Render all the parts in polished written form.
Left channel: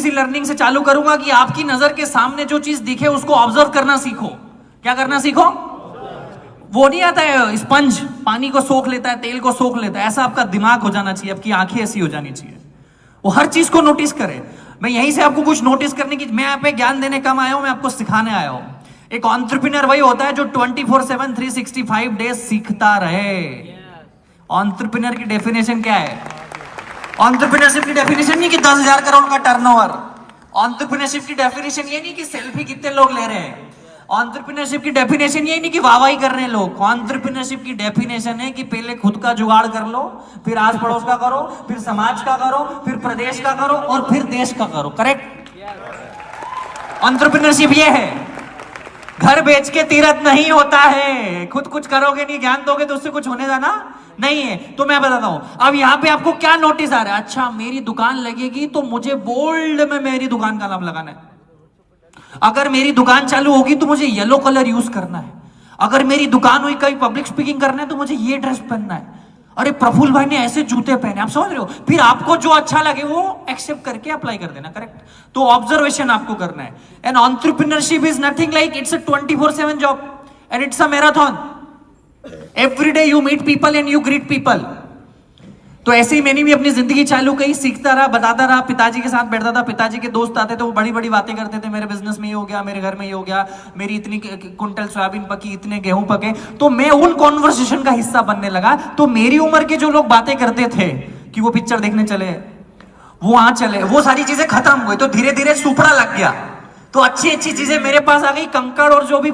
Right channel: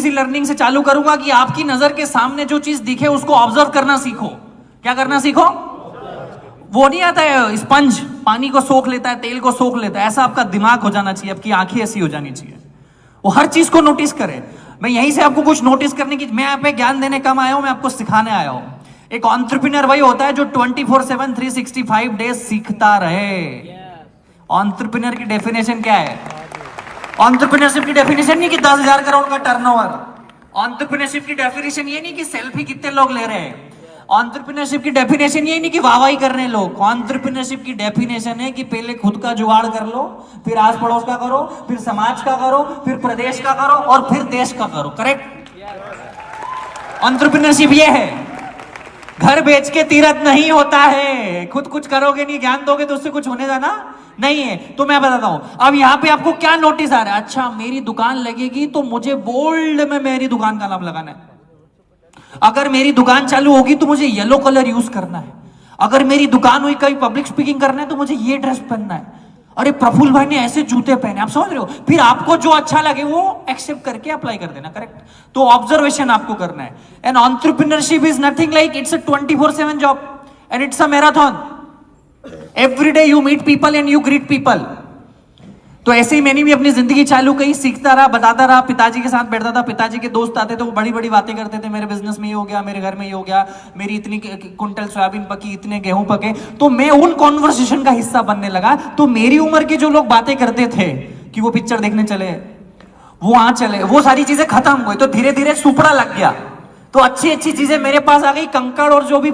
छोटी सी लर्निंग से चालू करूंगा कि आपकी नजर के सामने जो चीज दिखे उसको ऑब्जर्व करना सीखो। क्या करना सीखो? वो नहीं आता है स्पंज पानी को सोख लेता है, तेल को सोख लेता है, ऐसा आपका दिमाग हो जाना चाहिए, आपकी आंखें ऐसी हो जानी चाहिए, वो हर चीज को नोटिस करे। मैं यहीं से आपको कुछ नोटिस करने की, मैं यहाँ पे ज्ञान देने कम आया हूं, मैं आपको सिखाने आया हूं। एक एंटरप्रेन्योर वही होता है जो 24/7 365 डेज सीखता रहे। एंटरप्रेन्योर की डेफिनेशन क्या है? एंटरप्रेन्योरशिप की डेफिनेशन नहीं कि 10,000 करोड़ का टर्नओवर। एंटरप्रेन्योरशिप की डेफिनेशन ये नहीं कि सेल्फी कितने लोग ले रहे हैं। एंटरप्रेन्योरशिप की डेफिनेशन ये नहीं कि वाहवाही कर रहे हैं लोग। एंटरप्रेन्योरशिप की डेफिनेशन है कि पहले खुद का जुगाड़ कर लो, फिर आस पड़ोस का करो, फिर समाज का करो, फिर प्रदेश का करो और फिर देश का करो। करेक्ट? एंटरप्रेन्योरशिप ये है। घर बेच के तीरथ नहीं होता है। खुद कुछ करोगे नहीं, ज्ञान दोगे तो उससे कुछ होने जाना नहीं है। तो मैं बताता हूं, अब यहां पे आपको क्या नोटिस आ रहा है? अच्छा, मेरी दुकान लगेगी तो मुझे बोल्ड में मेरी दुकान का नाम लगाना है। अगर मेरी दुकान चालू होगी तो मुझे येलो कलर यूज करना है। अगर मेरी दुकान हुई, कहीं पब्लिक स्पीकिंग करना है तो मुझे ये ड्रेस पहनना है। अरे प्रफुल्ल भाई ने ऐसे जूते पहने, आप समझ रहे हो? फिर आपको जो अच्छा लगे वो एक्सेप्ट करके अप्लाई कर देना। करेक्ट? तो ऑब्जर्वेशन आपको करना है। And entrepreneurship is nothing like, it's a 24/7 job and it's a marathon. Every day you meet people and you greet people. तो ऐसे ही मैंने भी अपनी जिंदगी चालू करी, सीखता रहा, बताता रहा। पिताजी के साथ बैठता था, पिताजी के दोस्त आते थे, वो बड़ी बड़ी बातें करते थे, मेरे बिजनेस में ये हो गया, मेरे घर में ये हो गया, मेरी इतनी कुंटल सोयाबीन पकी, इतने गेहूं पके। तो मैं उन कॉन्वर्सेशन का हिस्सा बनने लगा। तो मेरी उम्र के जो लोग बातें करते थे कि वो पिक्चर देखने चले, वो वहां चले, वो सारी चीजें खत्म हुई। तो धीरे धीरे सुपड़ा लग गया। तो अच्छी अच्छी चीजें मेरे पास आ गई, कंकड़ और जो भी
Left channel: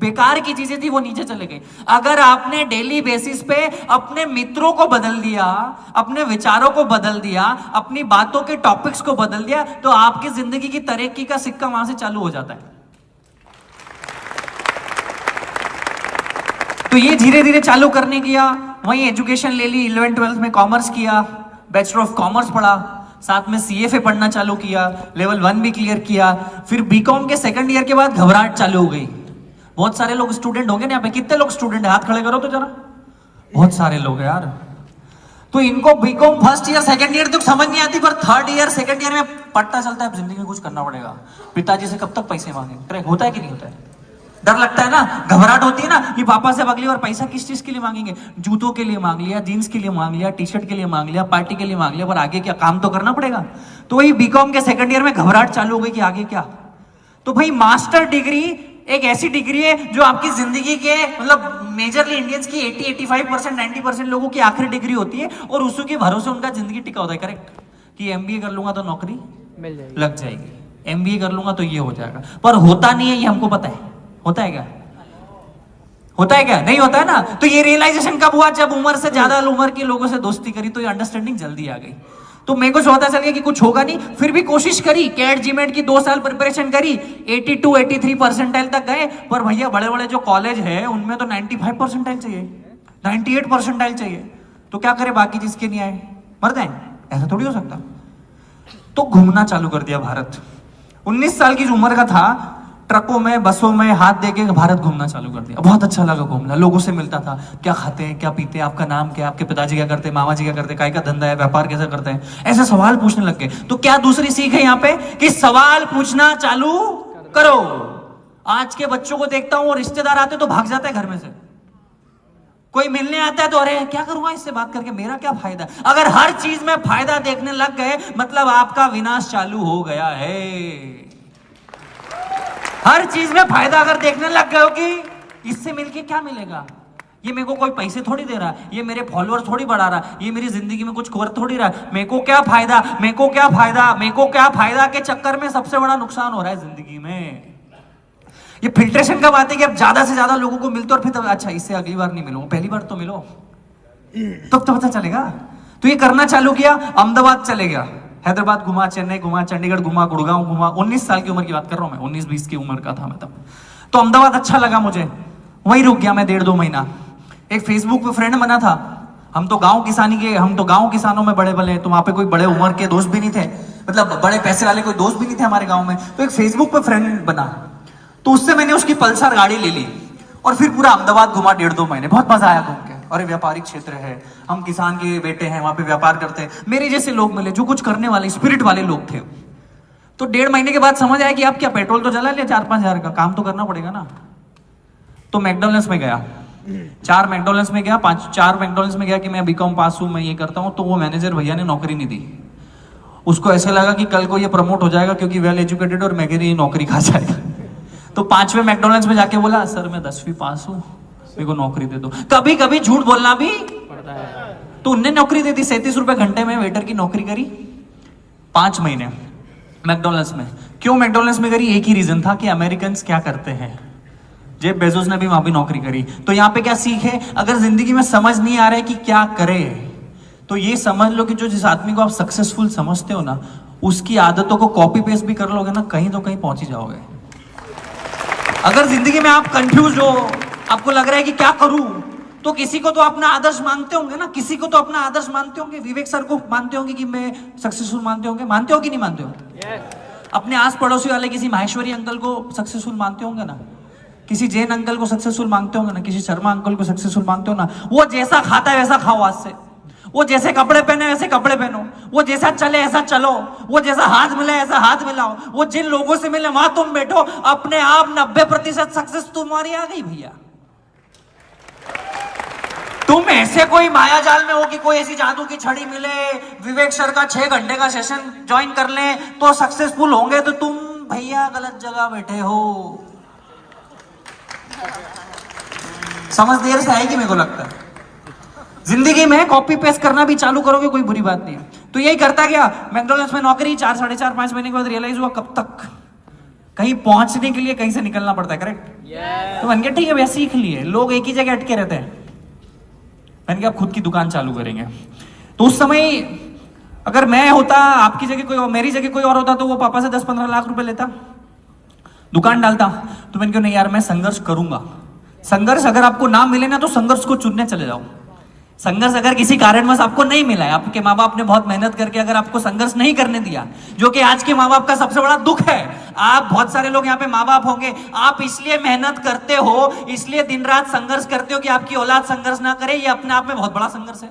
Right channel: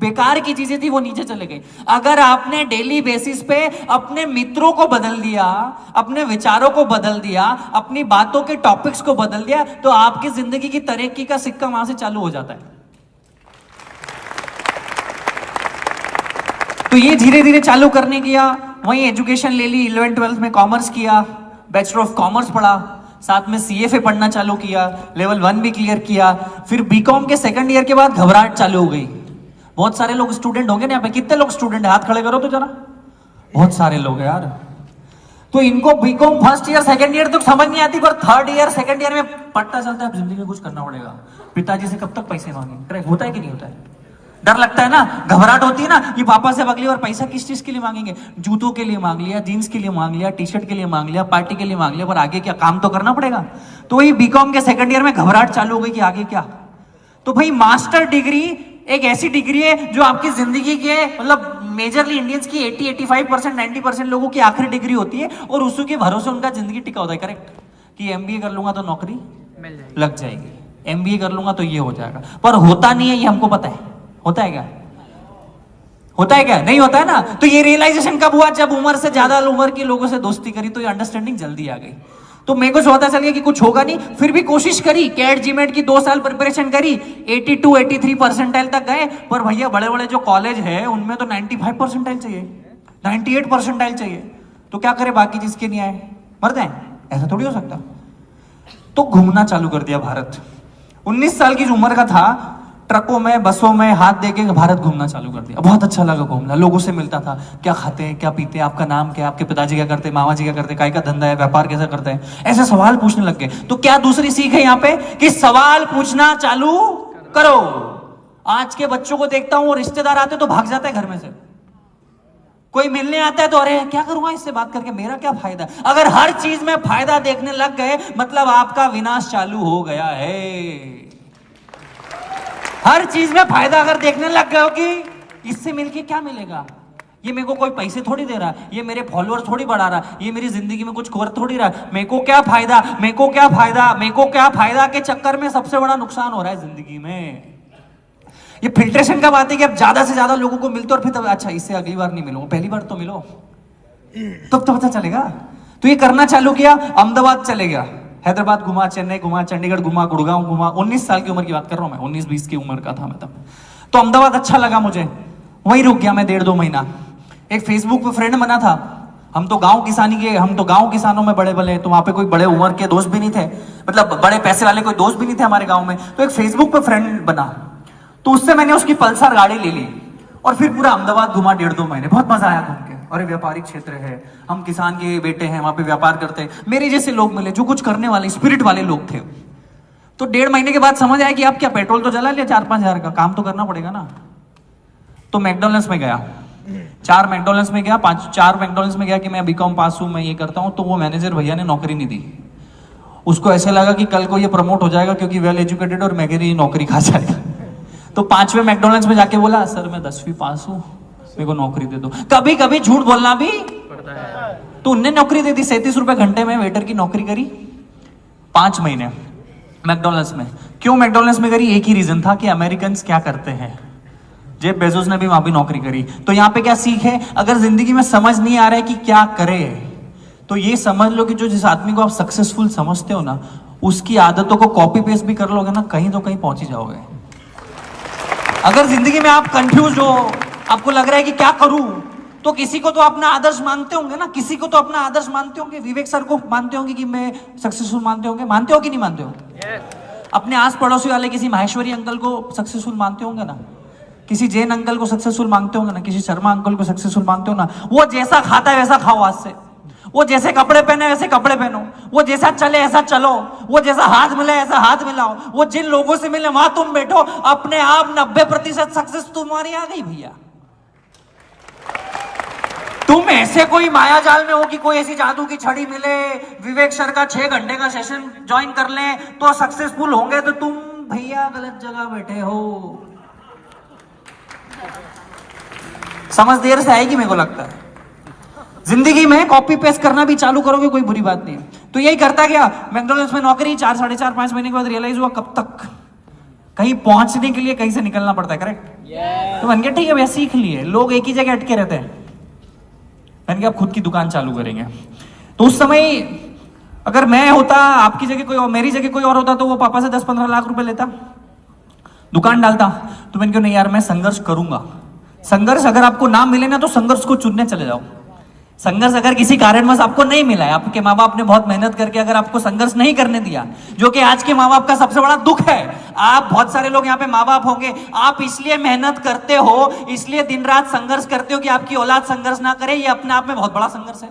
बेकार की चीजें थी वो नीचे चले गई। अगर आपने डेली बेसिस पे अपने मित्रों को बदल दिया, अपने विचारों को बदल दिया, अपनी बातों के टॉपिक्स को बदल दिया, तो आपकी जिंदगी की तरक्की का सिक्का वहां से चालू हो जाता है। तो ये धीरे धीरे चालू करने किया। वहीं एजुकेशन ले ली, 11th 12th में कॉमर्स किया, बैचलर ऑफ कॉमर्स पढ़ा, साथ में CFA पढ़ना चालू किया, लेवल 1 भी क्लियर किया। फिर बीकॉम के सेकंड ईयर के बाद घबराहट चालू हो गई। बहुत सारे लोग स्टूडेंट होंगे ना यहाँ पे, कितने लोग स्टूडेंट है? हाथ खड़े करो तो जरा। बहुत सारे लोग हैं यार। तो इनको BCom first year second year तो समझ नहीं आती, पर थर्ड ईयर सेकंड ईयर में पता चलता है जिंदगी में कुछ करना पड़ेगा। पिताजी से कब तक पैसे मांगे? होता है कि नहीं होता है? डर लगता है ना, घबराहट होती है ना कि पापा से अगली बार पैसा किस चीज के लिए मांगेंगे? जूतों के लिए मांग लिया, जीन्स के लिए मांग लिया, टी शर्ट के लिए मांग लिया, पार्टी के लिए मांग लिया, पर आगे क्या? काम तो करना पड़ेगा। तो वही बीकॉम के सेकंड ईयर में घबराहट चालू हो गई कि आगे क्या। तो भाई मास्टर डिग्री एक ऐसी डिग्री है जो आपकी जिंदगी के, मतलब मेजरली इंडियंस की 80-85%, 90% लोगों की आखिरी डिग्री होती है और उसी के भरोसे उनका जिंदगी टिका होता है। करेक्ट? कि MBA कर लूंगा तो नौकरी लग जाएगी, MBA कर लूंगा तो ये हो जाएगा, पर होता नहीं है, ये हमको पता है। होता है क्या? होता है क्या? नहीं होता है ना। तो ये रियलाइजेशन कब हुआ? जब उम्र से ज्यादा उम्र के लोगों से दोस्ती करी तो ये अंडरस्टैंडिंग जल्दी आ गई। तो मेरे को पता चल गया कि कुछ होगा नहीं, फिर भी कोशिश करी। कैट जीमेट की 2 साल प्रिपरेशन करी, 82-83 परसेंटाइल तक गए। पर भैया बड़े बड़े जो कॉलेज है उनमें तो 95 परसेंटाइल चाहिए, 98 परसेंटाइल चाहिए। तो क्या करे बाकी जिसके नहीं आए? मर जाए? ऐसा थोड़ी हो सकता। तो घूमना चालू कर दिया भारत। 19 साल की उम्र का था, ट्रकों में, बसों में हाथ देके भारत घूमना चालू कर दिया। बहुत अच्छा लगा घूमना, लोगों से मिलता था, क्या खाते हैं, क्या पीते हैं, आपका नाम क्या है, आपके पिताजी क्या करते हैं, मामा जी क्या करते हैं, काय का धंधा है, व्यापार कैसे करते हैं, ऐसे सवाल पूछने लग गए। तो क्या दूसरी सीख है यहाँ पे? कि सवाल पूछना चालू करो। आज के बच्चों को देखता हूं, रिश्तेदार आते तो भाग जाते हैं घर में से। कोई मिलने आता है तो अरे क्या करूंगा इससे बात करके, मेरा क्या फायदा? अगर हर चीज में फायदा देखने लग गए मतलब आपका विनाश चालू हो गया है। हर चीज में फायदा अगर देखने लग गए हो कि इससे मिलके क्या मिलेगा, ये मेरे को कोई पैसे थोड़ी दे रहा, ये मेरे फॉलोअर थोड़ी बढ़ा रहा, ये मेरी जिंदगी में कुछ कर थोड़ी रहा, मेरे को क्या फायदा, मेरे को क्या फायदा, मेरे को क्या फायदा के चक्कर में सबसे बड़ा नुकसान हो रहा है जिंदगी में। ये फिल्ट्रेशन का बात है कि अब ज्यादा से ज्यादा लोगों को मिलते और फिर अच्छा इससे अगली बार नहीं मिलूंगा, पहली बार तो मिलो तब तो पता चलेगा। तो ये करना चालू किया, अहमदाबाद चले गया, हैदराबाद घुमा, चेन्नई घुमा, चंडीगढ़ घुमा, गुड़गांव घुमा। 19 साल की उम्र की बात कर रहा हूं मैं, 19-20 की उम्र का था मैं तब। तो अहमदाबाद अच्छा लगा मुझे, वहीं रुक गया मैं 1.5-2 महीना। एक फेसबुक पे फ्रेंड बना था, हम तो गांव किसानों में बड़े बड़े, तो वहां पे कोई बड़े उम्र के दोस्त भी नहीं थे, मतलब बड़े पैसे वाले कोई दोस्त भी नहीं थे हमारे गांव में। तो एक फेसबुक पे फ्रेंड बना, तो उससे मैंने उसकी पल्सर गाड़ी ले ली और फिर पूरा अहमदाबाद घुमा 1.5-2 महीने। बहुत मजा आया घूम के। अरे व्यापारिक क्षेत्र है, हम किसान के बेटे हैं, वहां पे व्यापार करते हैं, मेरे जैसे लोग मिले जो कुछ करने वाले स्पिरिट वाले लोग थे। तो 1.5 महीने के बाद समझ आया कि आप क्या पेट्रोल तो जला लिया 4-5 हज़ार का, काम तो करना पड़ेगा ना। तो मैकडॉनल्ड्स में गया, 4 मैकडॉनल्ड्स में गया, 4 मैकडॉनल्ड्स में गया कि मैं बीकॉम पास हूं, मैं ये करता हूं। तो वो मैनेजर भैया ने नौकरी नहीं दी। उसको ऐसे लगा कि कल को ये प्रमोट हो जाएगा क्योंकि वेल एजुकेटेड और मेरी नौकरी खा जाएगा। तो 5वें मैकडॉनल्ड्स में जाके बोला, सर मैं 10वीं पास हूं, मेरे को नौकरी दे दो। कभी कभी झूठ बोलना भी पड़ता है। तो उनने नौकरी दे दी, 37 रुपए घंटे में वेटर की नौकरी करी 5 महीने मैकडॉनल्ड्स में। क्यों मैकडॉनल्ड्स में करी? एक ही रीजन था कि अमेरिकन क्या करते हैं। जेफ बेजोस ने भी वहां भी नौकरी करी। तो यहाँ पे क्या सीख है? अगर जिंदगी में समझ नहीं आ रहा है कि क्या करे, तो ये समझ लो कि जो जिस आदमी को आप सक्सेसफुल समझते हो ना, उसकी आदतों को कॉपी पेस्ट भी कर लोगे ना, कहीं तो कहीं पहुंच ही जाओगे। अगर जिंदगी में आप कंफ्यूज हो, आपको लग रहा है कि क्या करूं, तो किसी को तो अपना आदर्श मानते होंगे ना, किसी को तो अपना आदर्श मानते होंगे। विवेक सर को मानते होंगे कि मैं सक्सेसफुल मानते होंगे, मानते हो कि नहीं मानते हो? अपने आस पड़ोसी वाले किसी माहेश्वरी अंकल को सक्सेसफुल मानते होंगे ना, किसी जैन अंकल को सक्सेसफुल मानते होंगे ना, किसी शर्मा अंकल को सक्सेसफुल मानते हो ना। वो जैसा खाता है वैसा खाओ आज से, वो जैसे कपड़े पहने वैसे कपड़े पहनो, वो जैसा चले ऐसा चलो, वो जैसा हाथ मिले ऐसा हाथ मिलाओ, वो जिन लोगों से मिले वहां तुम बैठो। अपने आप 90% सक्सेस तुम्हारी आ गई भैया। तुम ऐसे कोई माया जाल में हो कि कोई ऐसी जादू की छड़ी मिले, विवेक सर का 6 घंटे का सेशन ज्वाइन कर ले तो सक्सेसफुल होंगे, तो तुम भैया गलत जगह बैठे हो। समझ देर से आएगी मेरे को लगता है। जिंदगी में कॉपी पेस्ट करना भी चालू करोगे कोई बुरी बात नहीं है। तो यही करता गया, मैकडॉनल्ड्स में नौकरी 4, 4.5, 5 महीने के बाद रियलाइज हुआ कब तक कहीं पहुंचने के लिए कहीं से निकलना पड़ता है। करेक्ट? तो मैंने कहा ठीक है भैया सीख लिए। लोग एक ही जगह अटके रहते हैं, मैंने कहा आप खुद की दुकान चालू करेंगे। तो उस समय अगर मैं होता, आपकी जगह कोई और, मेरी जगह कोई और होता, तो वो पापा से 10-15 लाख रुपए लेता, दुकान डालता। तो मैंने कहा नहीं यार मैं संघर्ष करूंगा। संघर्ष अगर आपको ना मिले ना, तो संघर्ष को चुनने चले जाओ। संघर्ष अगर किसी कारणवश आपको नहीं मिला है, आपके माँ बाप ने बहुत मेहनत करके अगर आपको संघर्ष नहीं करने दिया, जो कि आज के माँ बाप का सबसे बड़ा दुख है। आप बहुत सारे लोग यहाँ पे माँ बाप होंगे, आप इसलिए मेहनत करते हो, इसलिए दिन रात संघर्ष करते हो कि आपकी औलाद संघर्ष ना करे। ये अपने आप में बहुत बड़ा संघर्ष है।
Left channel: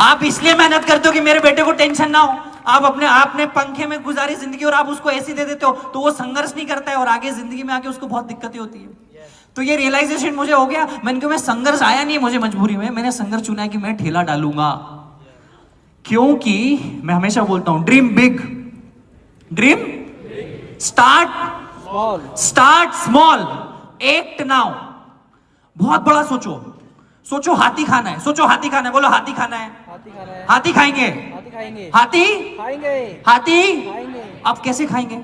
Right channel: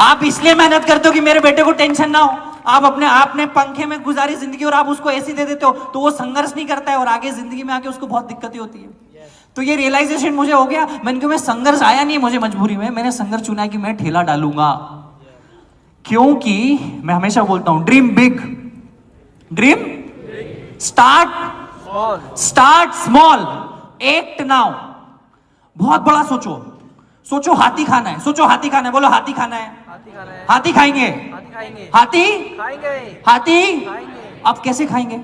आप इसलिए मेहनत करते हो कि मेरे बेटे को टेंशन ना हो। आप अपने आपने पंखे में गुजारी जिंदगी और आप उसको ऐसी दे देते हो, तो वो संघर्ष नहीं करता है और आगे जिंदगी में आके उसको बहुत दिक्कतें होती है। तो ये रियलाइजेशन मुझे हो गया। मैंने कहा मैं संघर्ष आया नहीं मुझे मजबूरी में, मैंने संघर्ष चुना है कि मैं ठेला डालूंगा। क्योंकि मैं हमेशा बोलता हूं dream big, dream start small, act now. बहुत बड़ा सोचो, सोचो हाथी खाना है, सोचो हाथी खाना है, बोलो हाथी खाना है, हाथी खाएंगे, हाथी हाथी। आप कैसे खाएंगे?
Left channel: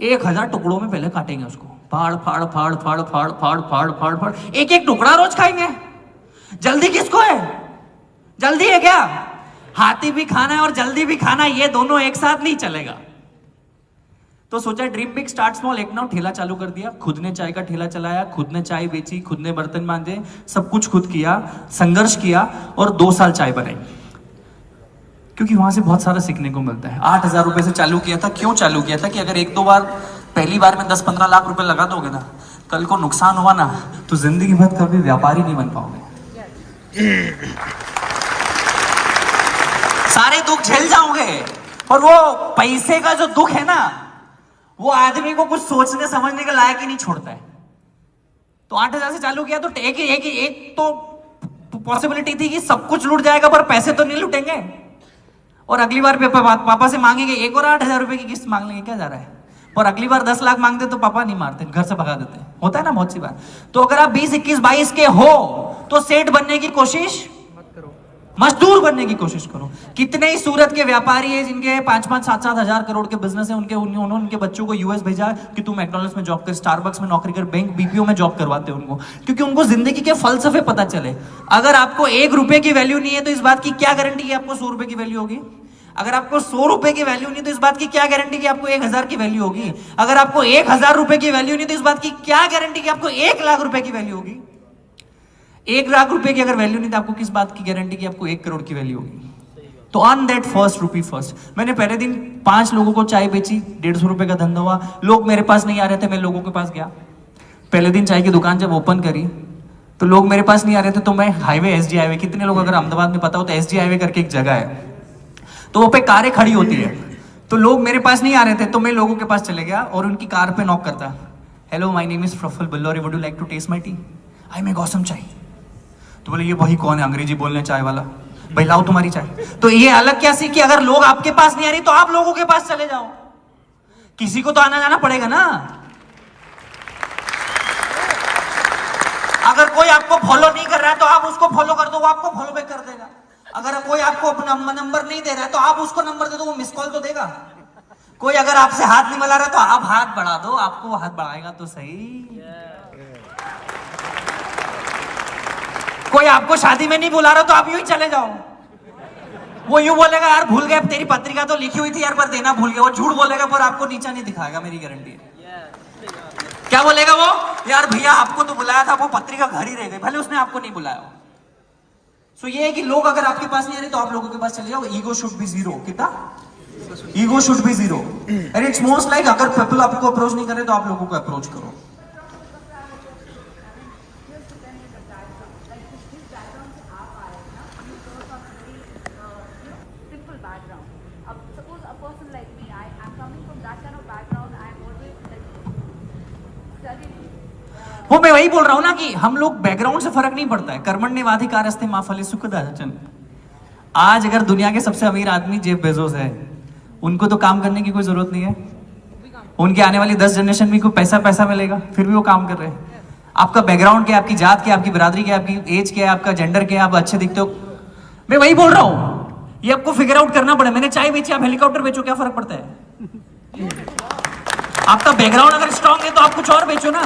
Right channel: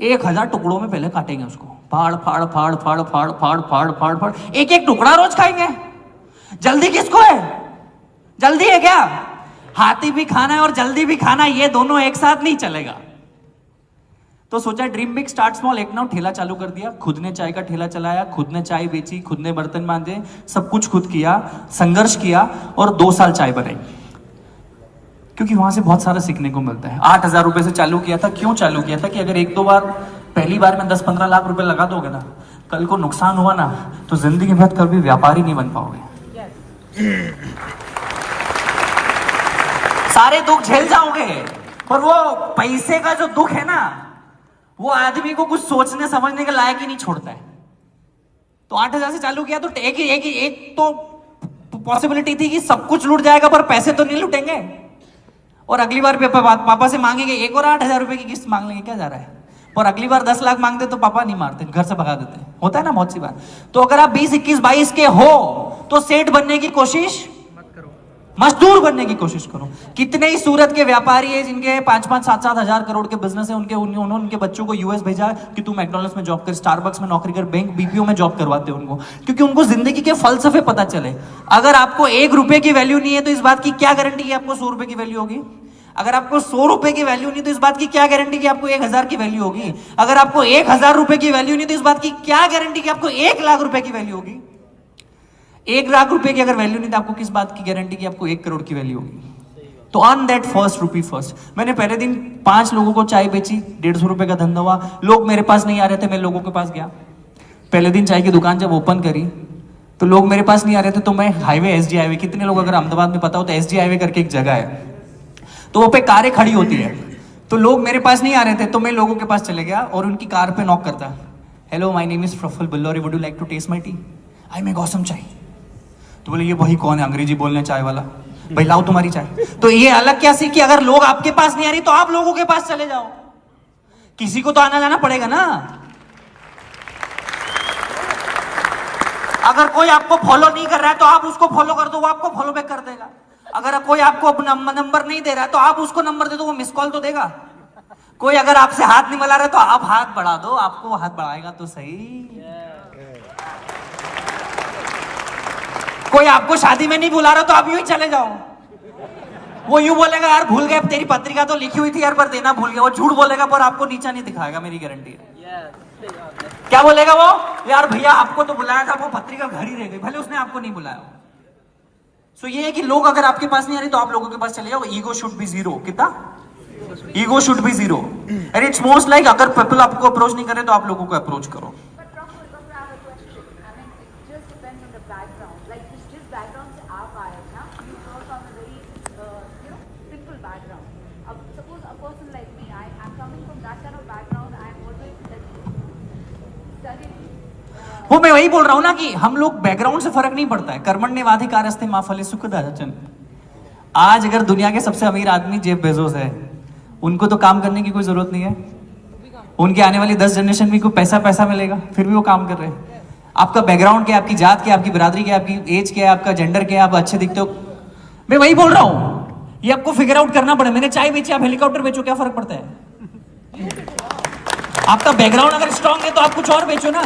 1000 टुकड़ों में पहले काटेंगे उसको, फाड़ फाड़ फाड़ फाड़ फाड़ फाड़ फाड़ फाड़ फाड़, एक एक टुकड़ा रोज खाएंगे। जल्दी किसको है? जल्दी है क्या? हाथी भी खाना है और जल्दी भी खाना, ये दोनों एक साथ नहीं चलेगा। तो सोचा ड्रीम बिग स्टार्ट स्मॉल, एक नाउ ठेला चालू कर दिया। खुद ने चाय का ठेला चलाया, खुद ने चाय बेची, खुद ने बर्तन मांजे, सब कुछ खुद किया, संघर्ष किया और 2 साल चाय बनाई। क्योंकि वहां से बहुत सारा सीखने को मिलता है। 8000 रुपए से चालू किया था। क्यों चालू किया था? कि अगर 1-2 बार पहली बार में 10-15 लाख रुपए लगा दोगे ना, कल को नुकसान हुआ ना, तो जिंदगी में कभी व्यापारी नहीं बन पाओगे। सारे दुख झेल जाओगे और वो पैसे का जो दुख है ना, वो आदमी को कुछ सोचने समझने के लायक ही नहीं छोड़ता है। तो 8000 से चालू किया, तो एक तो पॉसिबिलिटी थी कि सब कुछ लूट जाएगा पर पैसे तो नहीं लूटेंगे, और अगली बार पापा से मांगेंगे एक और 8000 रुपए की किस्त मांग लेंगे, क्या जा रहा है। और अगली बार 10 लाख मांगते तो पापा नहीं मारते, घर से भगा देते। होता है ना बहुत सी बार। तो अगर आप 20, 21, 22 के हो तो सेठ बनने की कोशिश मत करो, मजदूर बनने की कोशिश करो। कितने ही सूरत के व्यापारी है जिनके 5-5, 7-7 हजार करोड़ के बिजनेस है, उन्होंने उनके बच्चों को यूएस भेजा कि तू मैकडॉनल्ड्स में जॉब कर, स्टारबक्स में नौकरी कर, बैंक बीपीओ में जॉब करवाते हैं उनको, क्योंकि उनको जिंदगी के फलसफे पता चले। अगर आपको 1 रुपए की वैल्यू नहीं है तो इस बात की क्या गारंटी है आपको 100 रुपए की वैल्यू होगी। अगर आपको 100 रुपए की वैल्यू नहीं तो इस बात की क्या गारंटी कि आपको 1000 की वैल्यू होगी। अगर आपको 1000 रुपए की वैल्यू नहीं तो इस बात की क्या गारंटी कि आपको 1 लाख रुपए की वैल्यू होगी। 1 लाख रुपए की अगर वैल्यू नहीं तो आपको किस बात की गारंटी कि आपको 1 करोड़ की वैल्यू होगी। तो earn that first rupee first. मैंने पहले दिन 5 लोगों को चाय बेची, 150 रुपए का धंधा हुआ। लोग मेरे पास नहीं आ रहे थे, मैं लोगों के पास गया। पहले दिन चाय की दुकान जब ओपन करी तो लोग मेरे पास नहीं आ रहे थे, तो मैं हाईवे, एसडी हाईवे, कितने लोग अगर अहमदाबाद में पता हो तो एसडी हाईवे करके एक जगह है, तो वो पे कारें खड़ी होती है, तो लोग मेरे पास नहीं आ रहे थे, तो मैं लोगों के पास चले गया और उनकी कार पे नॉक करता, hello my name is Praphull Billauri, would you like to taste my tea, I make awesome chai. तो बोले ये भाई कौन है अंग्रेजी बोलने चाय वाला, भाई लाओ तुम्हारी चाय। तो ये अलग क्या सीखी, अगर लोग आपके पास नहीं आ रही तो आप लोगों के पास चले जाओ, किसी को तो आना जाना पड़ेगा ना। अगर कोई आपको फॉलो नहीं कर रहा है तो आप उसको फॉलो कर दो, वो आपको फॉलो बैक कर देगा। अगर कोई आपको अपना नंबर नहीं दे रहा है तो आप उसको नंबर दे दो, वो मिस कॉल तो देगा। कोई अगर आपसे हाथ नहीं मिला रहा है तो आप हाथ बढ़ा दो, आपको हाथ बढ़ाएगा तो सही। कोई आपको शादी में नहीं बुला रहा तो आप यूं ही चले जाओ। वो यूं बोलेगा यार भूल गए, तेरी पत्रिका तो लिखी हुई थी यार पर देना भूल गया, वो झूठ बोलेगा पर आपको नीचा नहीं दिखाएगा, मेरी गारंटी है। क्या बोलेगा वो, यार भैया आपको तो बुलाया था, वो पत्रिका घर ही रह गई, भले उसने आपको नहीं बुलाया। सो ये है कि लोग अगर आपके पास नहीं आ रहे तो आप लोगों के पास चले जाओ। Ego should be zero. कितना ego should be zero. And it's most like अगर पीपल आपको अप्रोच नहीं करे तो आप लोगों को अप्रोच करो। वो मैं वही बोल रहा हूं ना कि हम लोग बैकग्राउंड से फर्क नहीं पड़ता है। कर्मण्येवाधिकारस्ते मा फले सुखदाचन। आज अगर दुनिया के सबसे अमीर आदमी जेफ बेजोस है, उनको तो काम करने की कोई जरूरत नहीं है, उनके आने वाली 10 जनरेशन में कोई पैसा मिलेगा, फिर भी वो काम कर रहे हैं। आपका बैकग्राउंड क्या है, आपकी जात क्या है, आपकी बिरादरी क्या है, आपकी एज क्या है, आपका जेंडर क्या है, आप अच्छे दिखते हो, मैं वही बोल रहा हूं, ये आपको फिगर आउट करना पड़े। मैंने चाय बेची, आप हेलीकॉप्टर बेचो, क्या फर्क पड़ता है? आपका बैकग्राउंड अगर स्ट्रांग है तो आप कुछ और बेचो ना।